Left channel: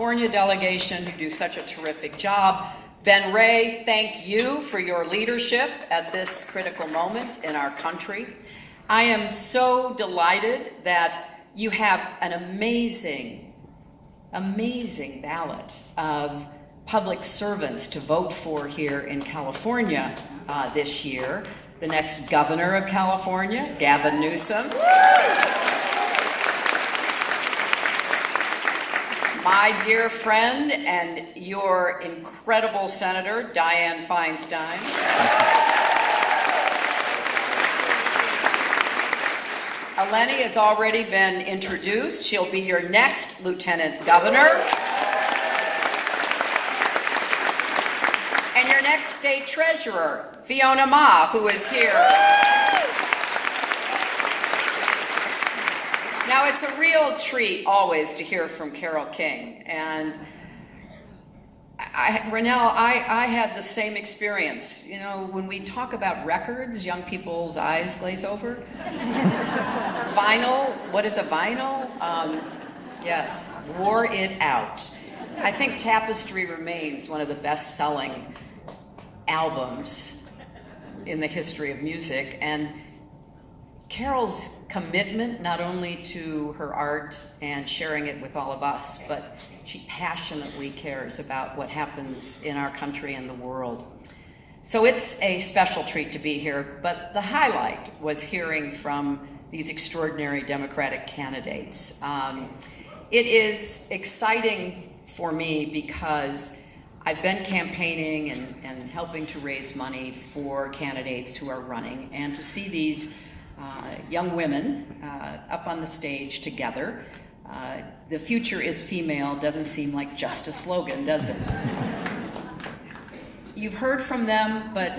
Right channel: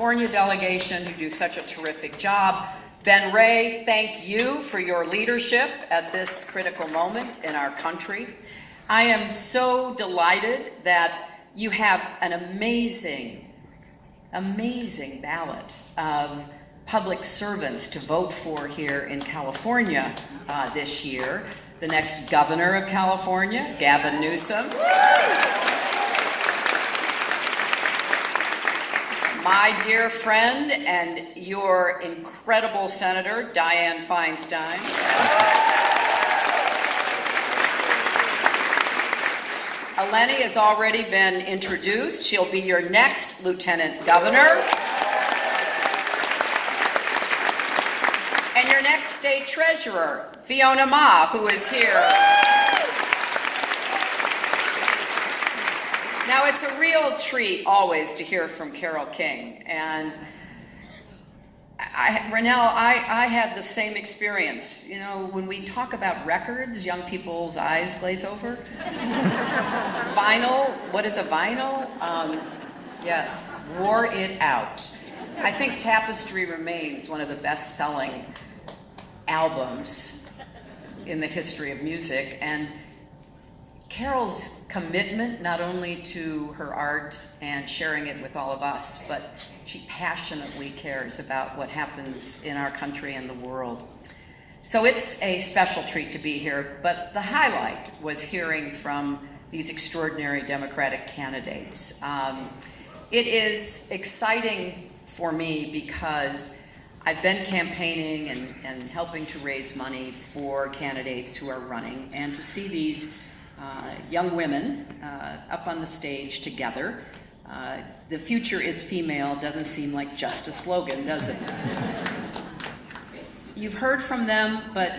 California delegation who do such a terrific job. Ben Ray, thank you for your leadership at this critical moment in our country. I am so delighted that you have an amazing ballot of public servants to vote for here in California this year. The next governor of California, Gavin Newsom. My dear friend and your incredible senator, Dianne Feinstein. Eleni has already been introduced. She'll be your next lieutenant governor. And your next state treasurer, Fiona Ma, who is here. Now, it's a real treat always to hear from Carole King. And Ronell, I had the same experience. You know, when we talk about records, young people's eyes glaze over. Vinyl, what is a vinyl? Yes, wore it out. I think Tapestry remains one of the best-selling albums in the history of music. And Carole's commitment not only to her art and sharing it with all of us, but she passionately cares about what happens in our country and the world. So it's a special treat to be here, but the highlight was hearing from these extraordinary Democratic candidates. It is exciting for me because I've been campaigning and helping to raise money for candidates who are running, and to see these young women up on the stage together. The future is female doesn't seem like just a slogan, does it? You've heard from them, but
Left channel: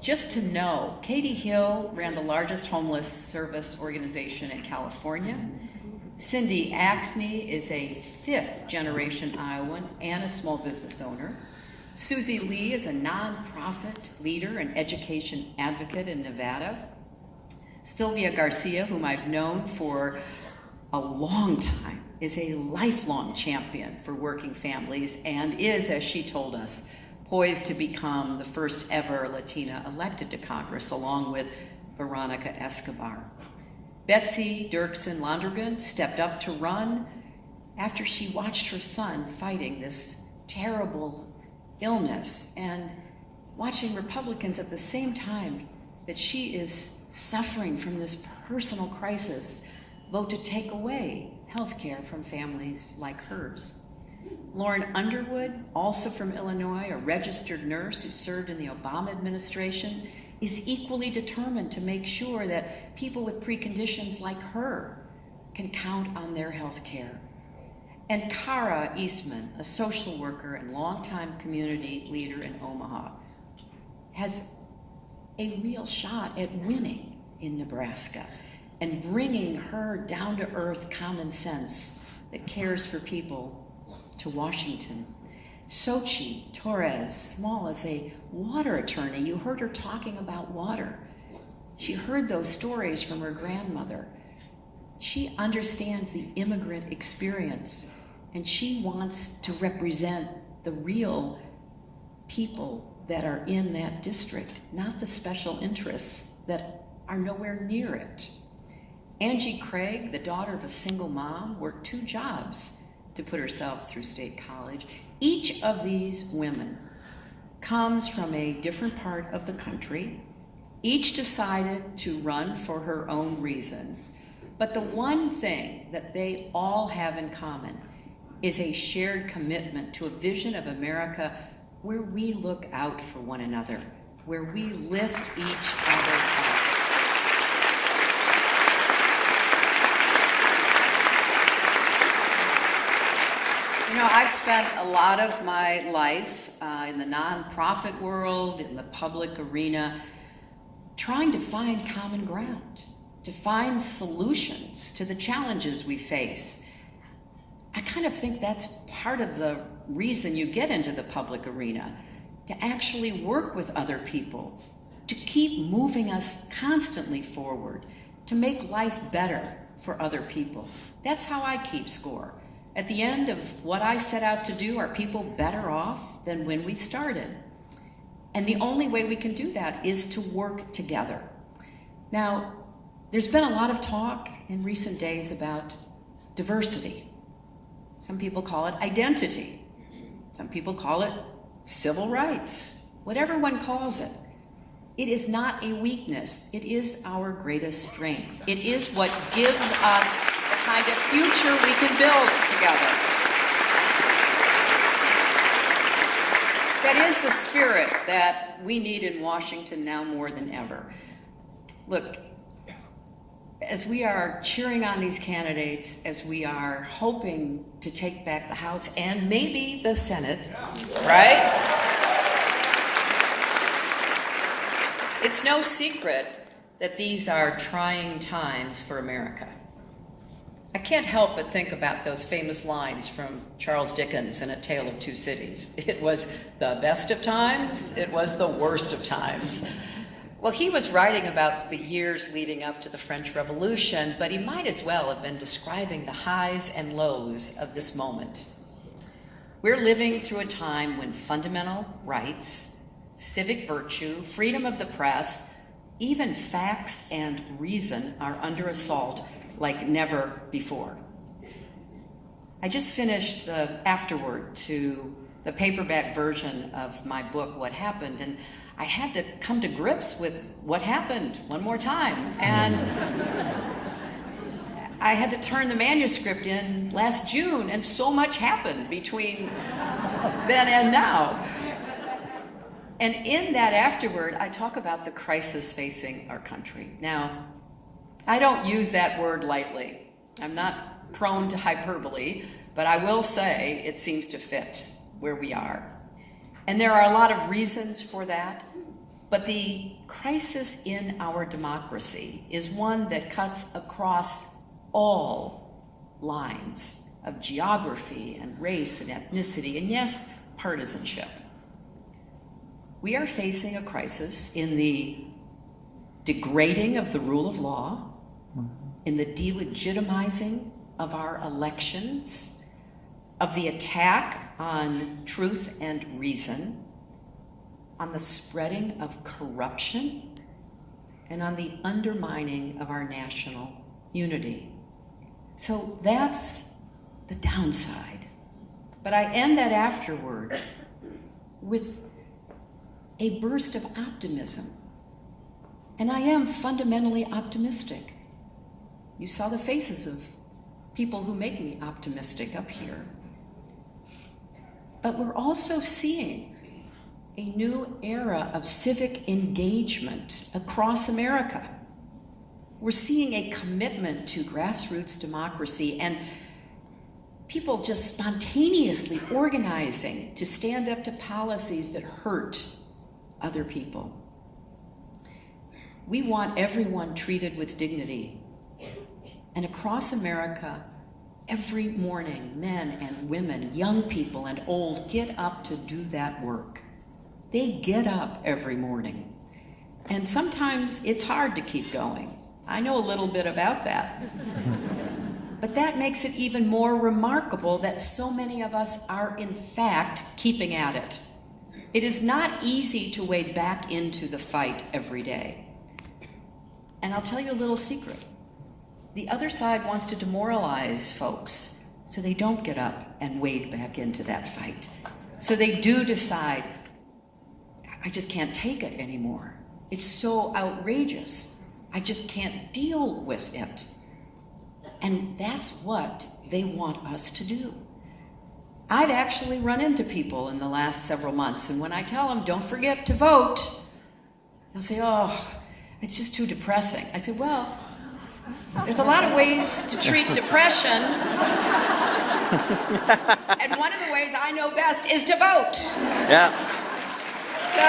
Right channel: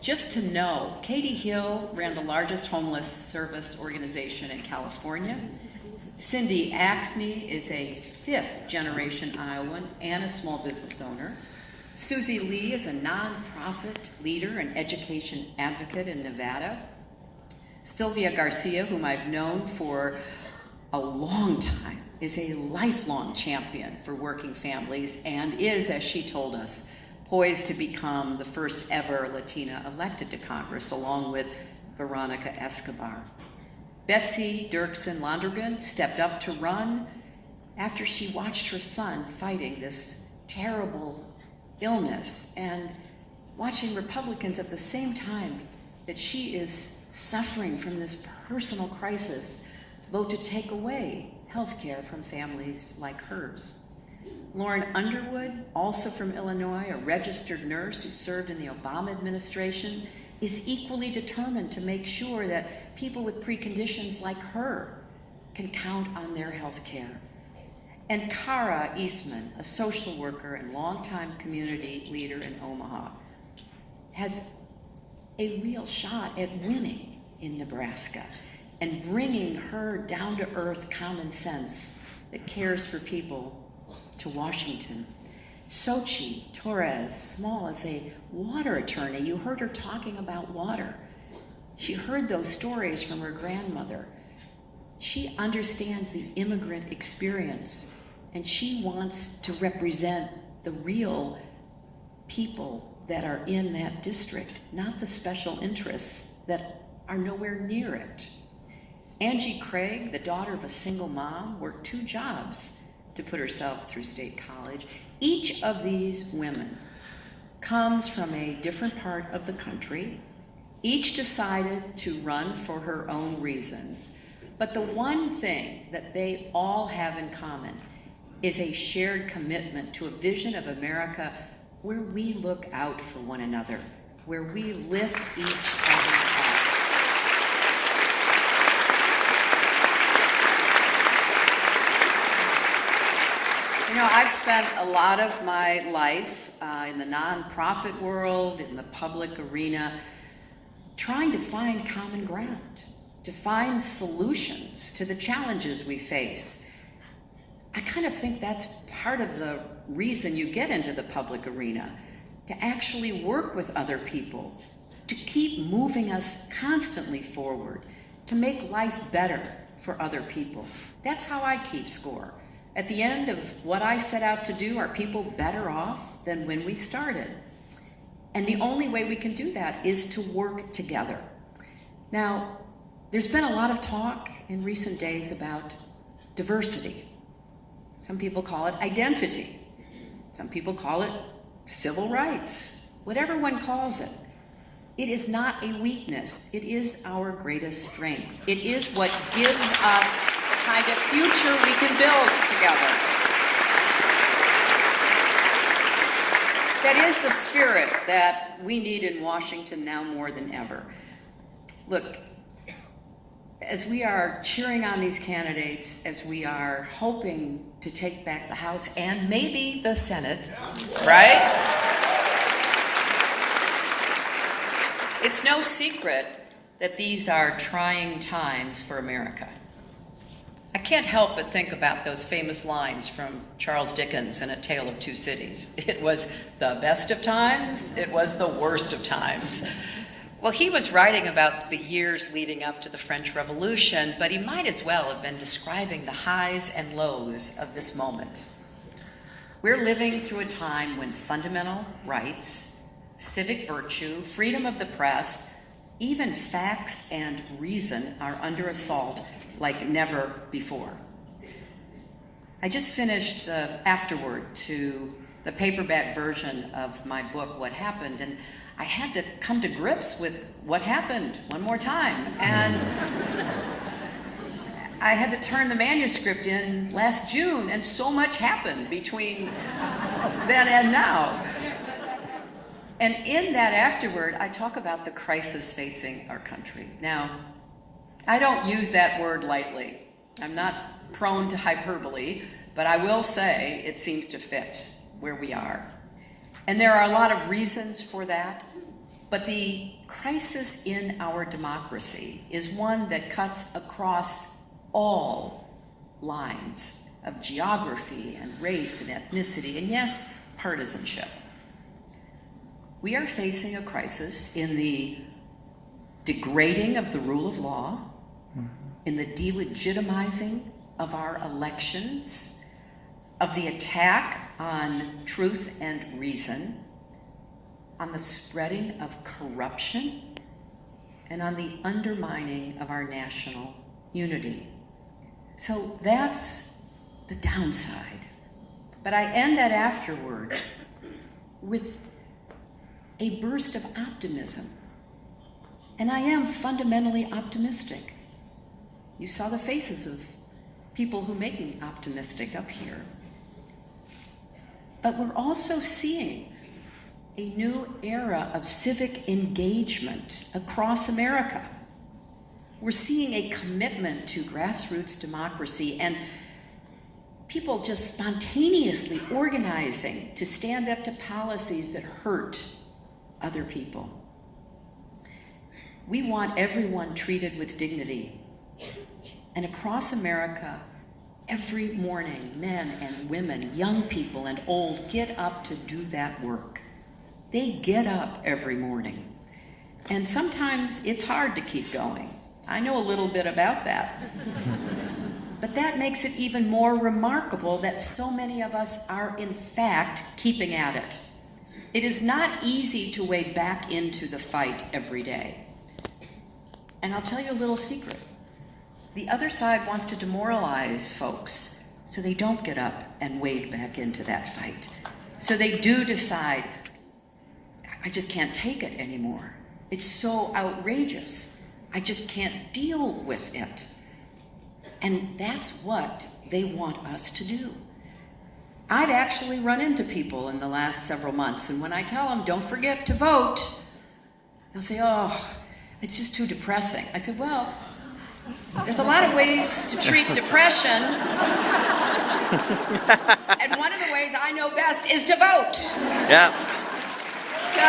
just to know, Katie Hill ran the largest homeless service organization in California. Cindy Axme is a fifth-generation Iowan and a small business owner. Susie Lee is a nonprofit leader and education advocate in Nevada. Sylvia Garcia, whom I've known for a long time, is a lifelong champion for working families and is, as she told us, poised to become the first ever Latina elected to Congress, along with Veronica Escobar. Betsy Dirksen Londrigan stepped up to run after she watched her son fighting this terrible illness and watching Republicans at the same time that she is suffering from this personal crisis vote to take away health care from families like hers. Lauren Underwood, also from Illinois, a registered nurse who served in the Obama administration, is equally determined to make sure that people with preconditions like her can count on their health care. And Kara Eastman, a social worker and longtime community leader in Omaha, has a real shot at winning in Nebraska and bringing her down-to-earth common sense that cares for people to Washington. Xochitl Torres Small is a water attorney. You heard her talking about water. She heard those stories from her grandmother. She understands the immigrant experience, and she wants to represent the real people that are in that district, not the special interests that are nowhere near it. Angie Craig, the daughter of a single mom, worked 2 jobs to put herself through state college. Each of these women comes from a different part of the country. Each decided to run for her own reasons. But the one thing that they all have in common is a shared commitment to a vision of America where we look out for one another, where we lift each other up. You know, I've spent a lot of my life in the nonprofit world, in the public arena, trying to find common ground, to find solutions to the challenges we face. I kind of think that's part of the reason you get into the public arena, to actually work with other people, to keep moving us constantly forward, to make life better for other people. That's how I keep score. At the end of what I set out to do, are people better off than when we started? And the only way we can do that is to work together. Now, there's been a lot of talk in recent days about diversity. Some people call it identity. Some people call it civil rights. Whatever one calls it, it is not a weakness. It is our greatest strength. It is what gives us the kind of future we can build together. That is the spirit that we need in Washington now more than ever. Look, as we are cheering on these candidates, as we are hoping to take back the House and maybe the Senate, right? It's no secret that these are trying times for America. I can't help but think about those famous lines from Charles Dickens in A Tale of Two Cities. It was the best of times, it was the worst of times. Well, he was writing about the years leading up to the French Revolution, but he might as well have been describing the highs and lows of this moment. We're living through a time when fundamental rights, civic virtue, freedom of the press, even facts and reason are under assault like never before. I just finished the afterword to the paperback version of my book, What Happened, and I had to come to grips with what happened one more time. And I had to turn the manuscript in last June, and so much happened between then and now. And in that afterword, I talk about the crisis facing our country. Now, I don't use that word lightly. I'm not prone to hyperbole, but I will say it seems to fit where we are. And there are a lot of reasons for that, but the crisis in our democracy is one that cuts across all lines of geography and race and ethnicity, and yes, partisanship. We are facing a crisis in the degrading of the rule of law, in the delegitimizing of our elections, of the attack on truth and reason, on the spreading of corruption, and on the undermining of our national unity. So that's the downside. But I end that afterword with a burst of optimism. And I am fundamentally optimistic. You saw the faces of people who make me optimistic up here. But we're also seeing a new era of civic engagement across America. We're seeing a commitment to grassroots democracy and people just spontaneously organizing to stand up to policies that hurt other people. We want everyone treated with dignity. And across America, every morning, men and women, young people and old, get up to do that work. They get up every morning. And sometimes it's hard to keep going. I know a little bit about that. But that makes it even more remarkable that so many of us are, in fact, keeping at it. It is not easy to wade back into the fight every day. And I'll tell you a little secret. The other side wants to demoralize folks so they don't get up and wade back into that fight. So they do decide, I just can't take it anymore. It's so outrageous. I just can't deal with it. And that's what they want us to do. I've actually run into people in the last several months, and when I tell them, don't forget to vote, they'll say, oh, it's just too depressing. I said, well, there's a lot of ways to treat depression, and one of the ways I know best is to vote. Yeah. So,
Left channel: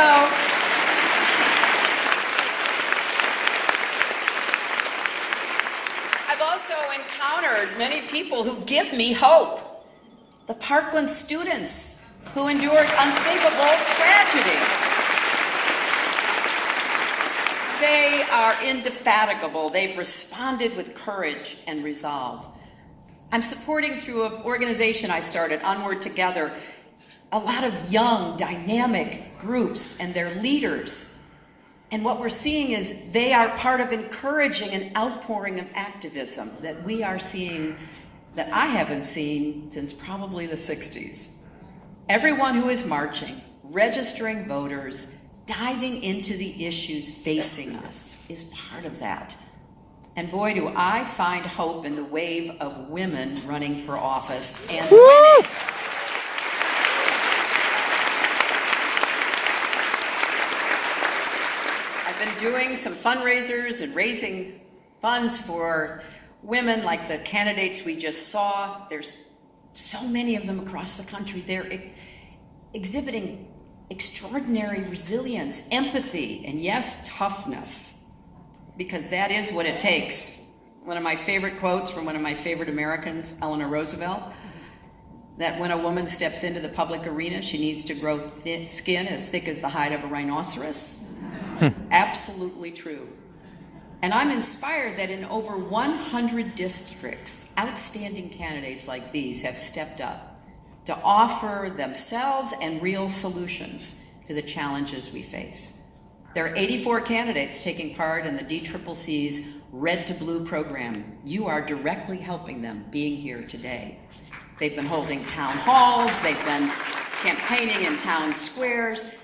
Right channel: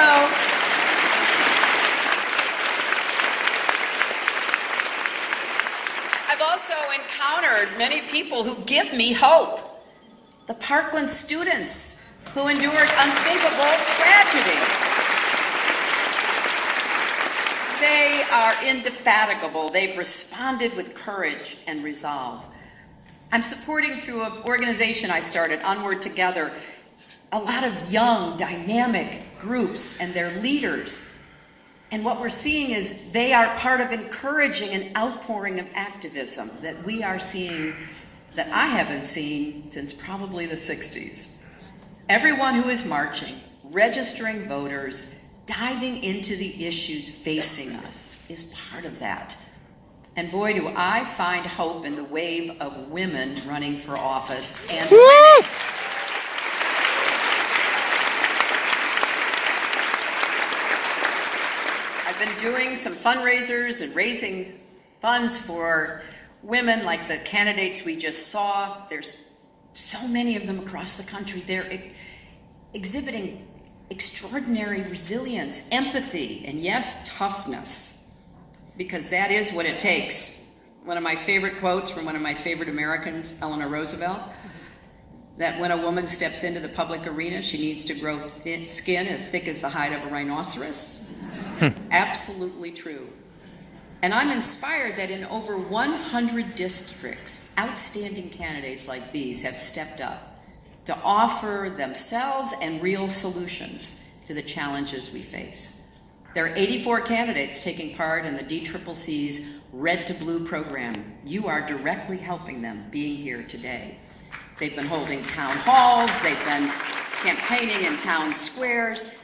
I've also encountered many people who give me hope. The Parkland students who endured unthinkable tragedy. They are indefatigable. They've responded with courage and resolve. I'm supporting through an organization I started, Onward Together, a lot of young, dynamic groups and their leaders. And what we're seeing is they are part of encouraging an outpouring of activism that we are seeing that I haven't seen since probably the 60s. Everyone who is marching, registering voters, diving into the issues facing us is part of that. And boy, do I find hope in the wave of women running for office and winning. I've been doing some fundraisers and raising funds for women like the candidates we just saw. There's so many of them across the country. They're exhibiting extraordinary resilience, empathy, and yes, toughness, because that is what it takes. One of my favorite quotes from one of my favorite Americans, Eleanor Roosevelt, that when a woman steps into the public arena, she needs to grow thin skin as thick as the hide of a rhinoceros. Absolutely true. And I'm inspired that in over 100 districts, outstanding candidates like these have stepped up to offer themselves and real solutions to the challenges we face. There are 84 candidates taking part in the DCCC's Red to Blue program. You are directly helping them being here today. They've been holding town halls, they've been campaigning in town squares,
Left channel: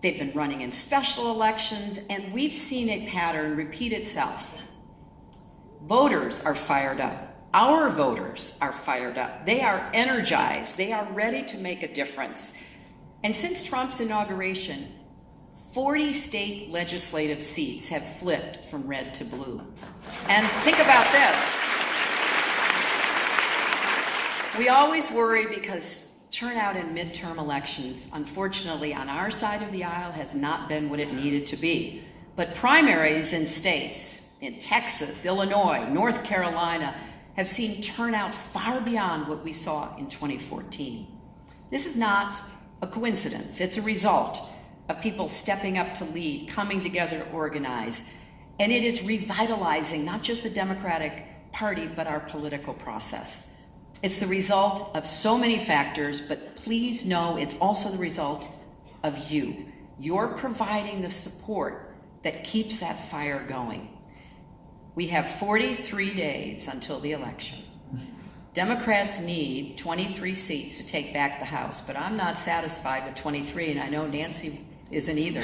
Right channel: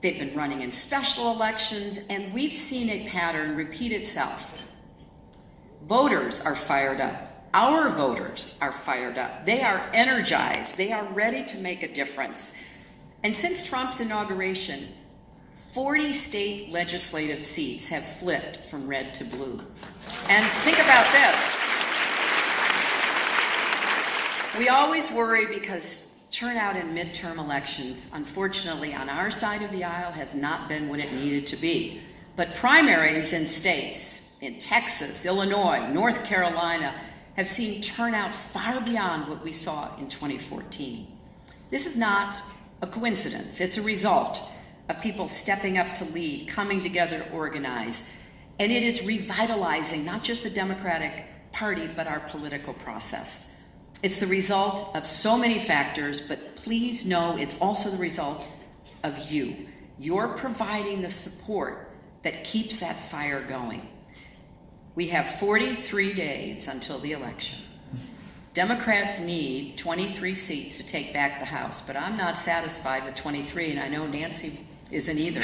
they've been running in special elections, and we've seen a pattern repeat itself. Voters are fired up. Our voters are fired up. They are energized. They are ready to make a difference. And since Trump's inauguration, 40 state legislative seats have flipped from red to blue. And think about this. We always worry because turnout in midterm elections, unfortunately, on our side of the aisle has not been what it needed to be. But primaries in states, in Texas, Illinois, North Carolina, have seen turnout far beyond what we saw in 2014. This is not a coincidence. It's a result of people stepping up to lead, coming together to organize. And it is revitalizing not just the Democratic Party, but our political process. It's the result of so many factors, but please know it's also the result of you. You're providing the support that keeps that fire going. We have 43 days until the election. Democrats need 23 seats to take back the House, but I'm not satisfied with 23, and I know Nancy isn't either.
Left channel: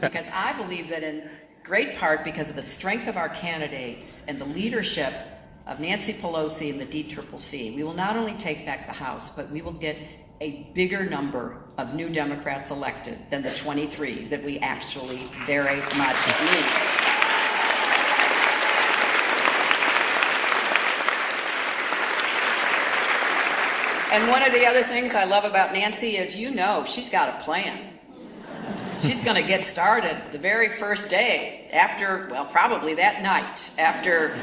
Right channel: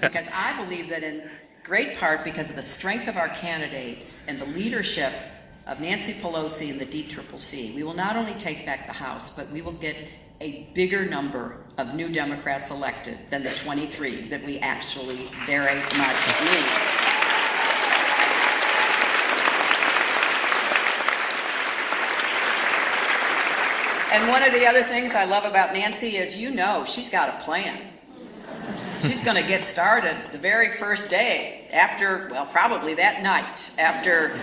Because I believe that in great part because of the strength of our candidates and the leadership of Nancy Pelosi and the DCCC, we will not only take back the House, but we will get a bigger number of new Democrats elected than the 23 that we actually very much need. And one of the other things I love about Nancy is, you know, she's got a plan. She's going to get started the very first day after, well, probably that night after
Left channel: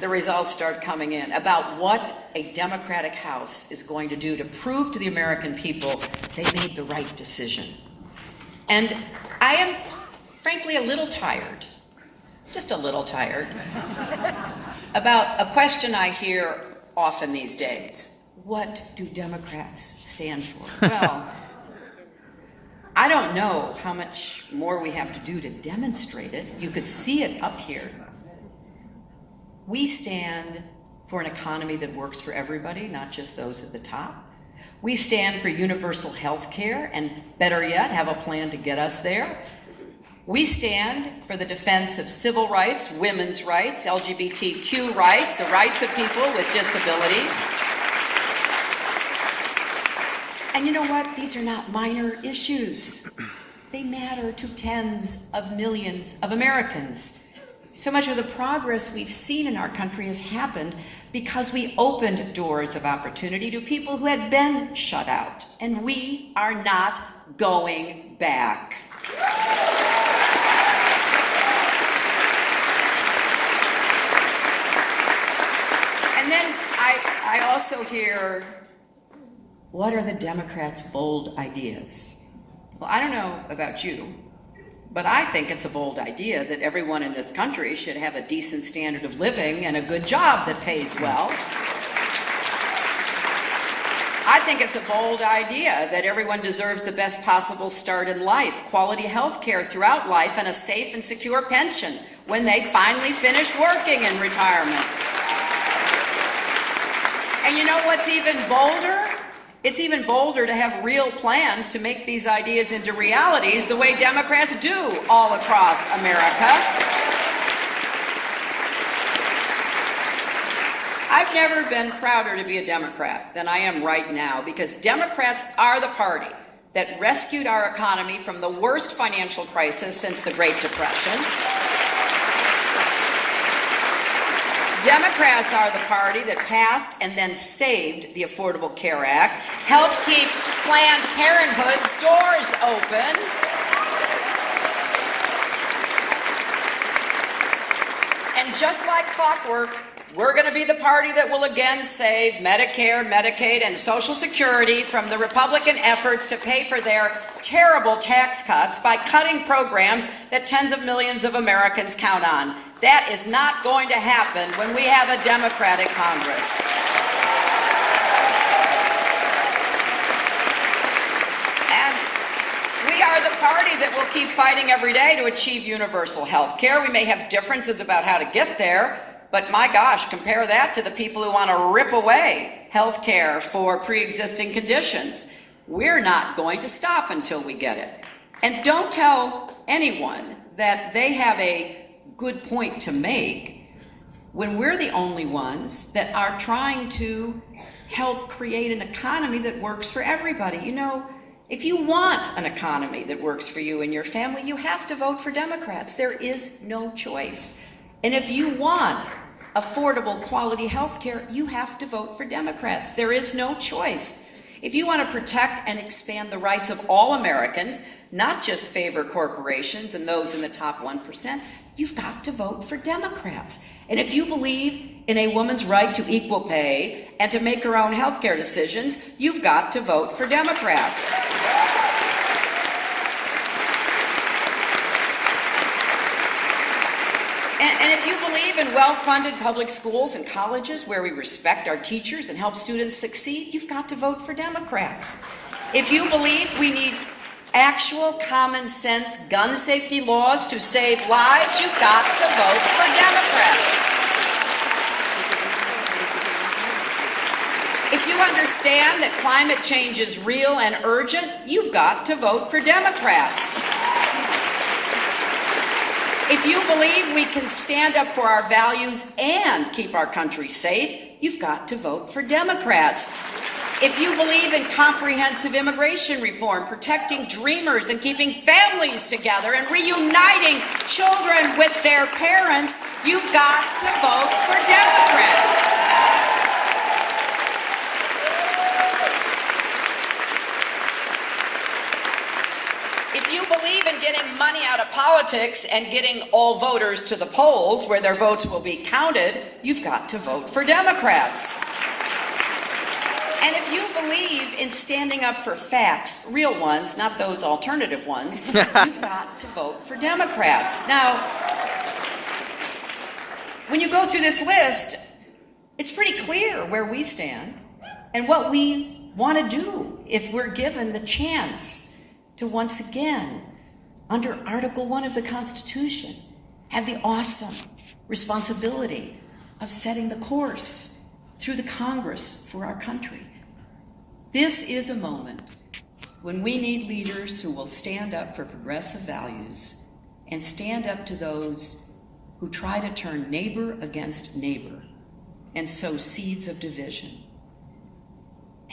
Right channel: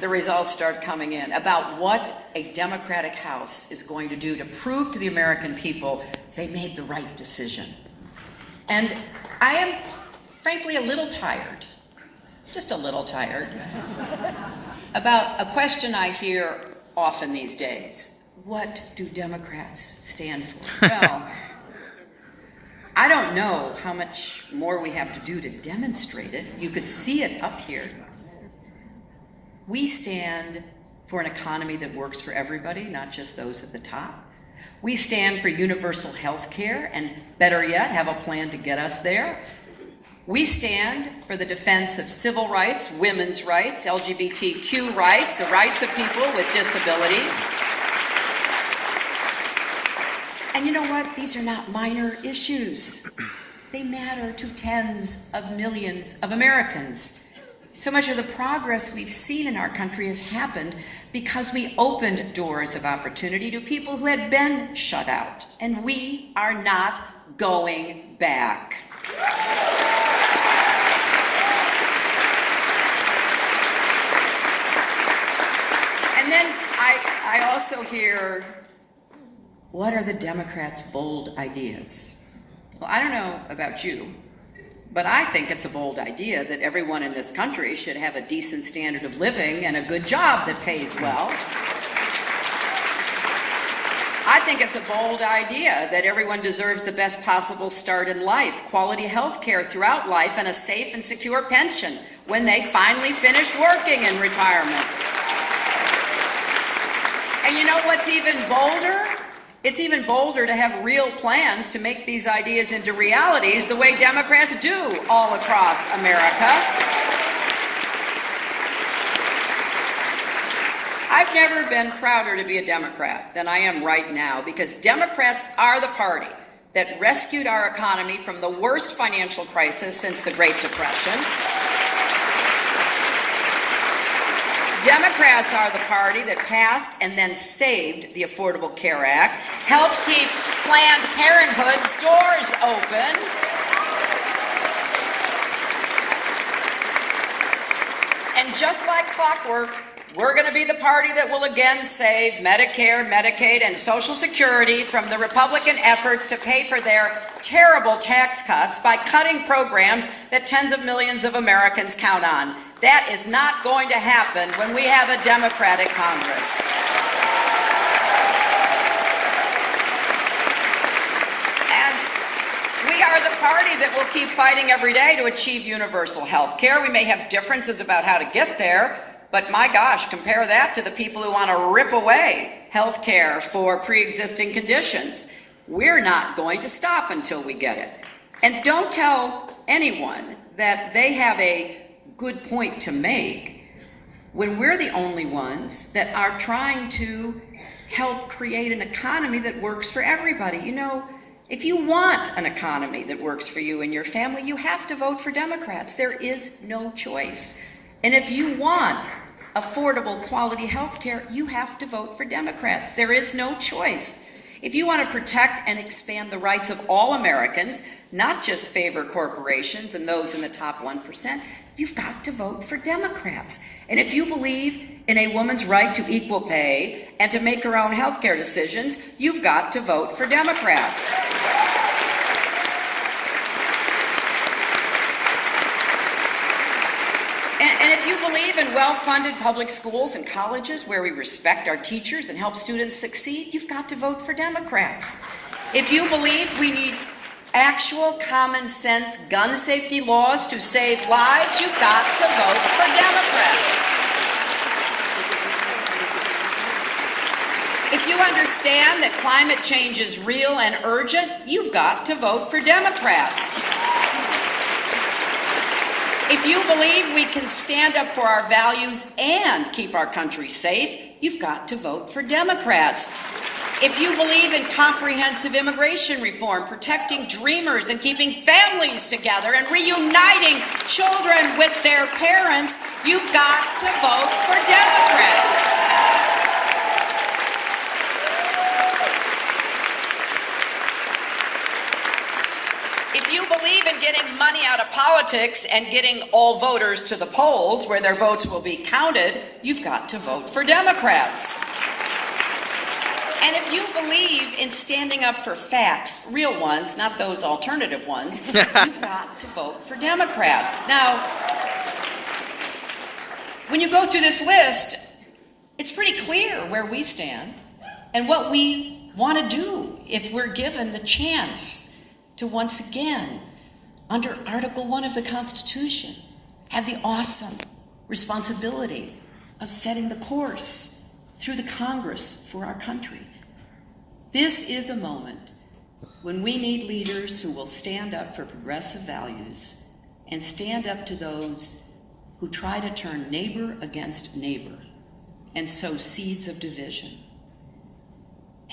the results start coming in, about what a Democratic House is going to do to prove to the American people they made the right decision. And I am, frankly, a little tired, just a little tired, about a question I hear often these days. What do Democrats stand for? Well, I don't know how much more we have to do to demonstrate it. You could see it up here. We stand for an economy that works for everybody, not just those at the top. We stand for universal health care, and better yet, have a plan to get us there. We stand for the defense of civil rights, women's rights, LGBTQ rights, the rights of people with disabilities. And you know what? These are not minor issues. They matter to tens of millions of Americans. So much of the progress we've seen in our country has happened because we opened doors of opportunity to people who had been shut out. And we are not going back. And then I also hear, what are the Democrats' bold ideas? Well, I don't know about you, but I think it's a bold idea that everyone in this country should have a decent standard of living and a good job that pays well. think it's a bold idea that everyone deserves the best possible start in life, quality health care throughout life, and a safe and secure pension when they finally finish working in retirement. And you know what's even bolder? It's even bolder to have real plans to make these ideas into realities the way Democrats do all across America. I've never been prouder to be a Democrat than I am right now, because Democrats are the party that rescued our economy from the worst financial crisis since the Great Depression. Democrats are the party that passed and then saved the Affordable Care Act, helped keep Planned Parenthood's doors open, and just like clockwork, we're going to be the party that will again save Medicare, Medicaid, and Social Security from the Republican efforts to pay for their terrible tax cuts by cutting programs that tens of millions of Americans count on. That is not going to happen when we have a Democratic Congress. And we are the party that will keep fighting every day to achieve universal health care. We may have differences about how to get there, but my gosh, compare that to the people who want to rip away health care for pre-existing conditions. We're not going to stop until we get it. And don't tell anyone that they have a good point to make when we're the only ones that are trying to help create an economy that works for everybody. You know, if you want an economy that works for you and your family, you have to vote for Democrats. There is no choice. And if you want affordable, quality health care, you have to vote for Democrats. There is no choice. If you want to protect and expand the rights of all Americans, not just favor corporations and those in the top 1%, you've got to vote for Democrats. And if you believe in a woman's right to equal pay and to make her own health care decisions, you've got to vote for Democrats. And if you believe in well-funded public schools and colleges where we respect our teachers and help students succeed, you've got to vote for Democrats. If you believe we need actual common sense gun safety laws to save lives, you've got to vote for Democrats. If you understand that climate change is real and urgent, you've got to vote for Democrats. If you believe we can stand up for our values and keep our country safe, you've got to vote for Democrats. If you believe in comprehensive immigration reform, protecting dreamers and keeping families together and reuniting children with their parents, you've got to vote for Democrats. If you believe in getting money out of politics and getting all voters to the polls where their votes will be counted, you've got to vote for Democrats. And if you believe in standing up for facts, real ones, not those alternative ones, you've got to vote for Democrats. Now, when you go through this list, it's pretty clear where we stand and what we want to do if we're given the chance to once again, under Article 1 of the Constitution, have the awesome responsibility of setting the course through the Congress for our country. This is a moment when we need leaders who will stand up for progressive values and stand up to those who try to turn neighbor against neighbor and sow seeds of division.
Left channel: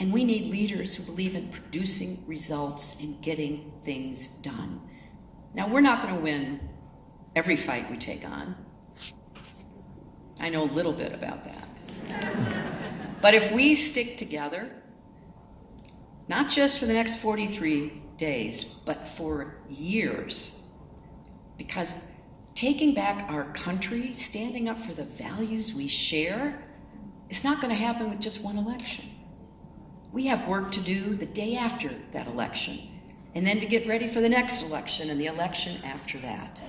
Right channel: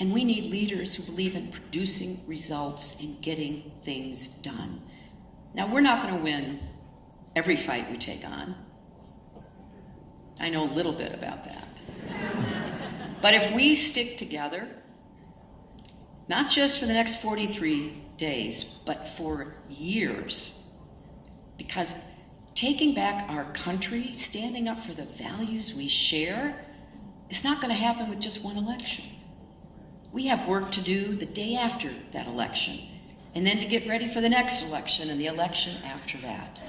And we need leaders who believe in producing results and getting things done. Now, we're not going to win every fight we take on. I know a little bit about that. But if we stick together, not just for the next 43 days, but for years, because taking back our country, standing up for the values we share, is not going to happen with just one election. We have work to do the day after that election, and then to get ready for the next election and the election after that.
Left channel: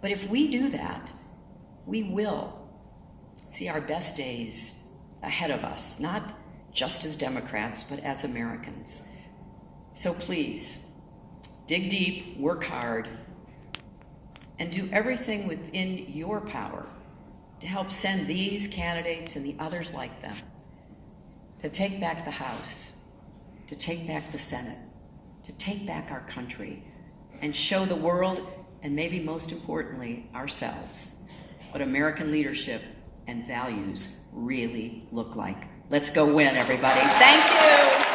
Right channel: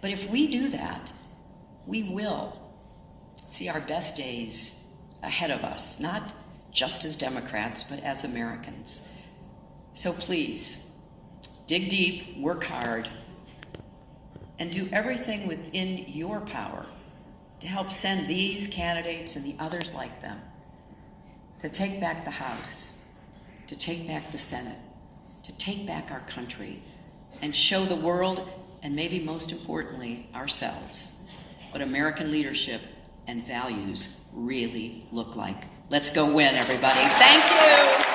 But if we do that, we will see our best days ahead of us, not just as Democrats, but as Americans. So please, dig deep, work hard, and do everything within your power to help send these candidates and the others like them to take back the House, to take back the Senate, to take back our country, and show the world, and maybe most importantly, ourselves, what American leadership and values really look like. Let's go win, everybody. Thank you.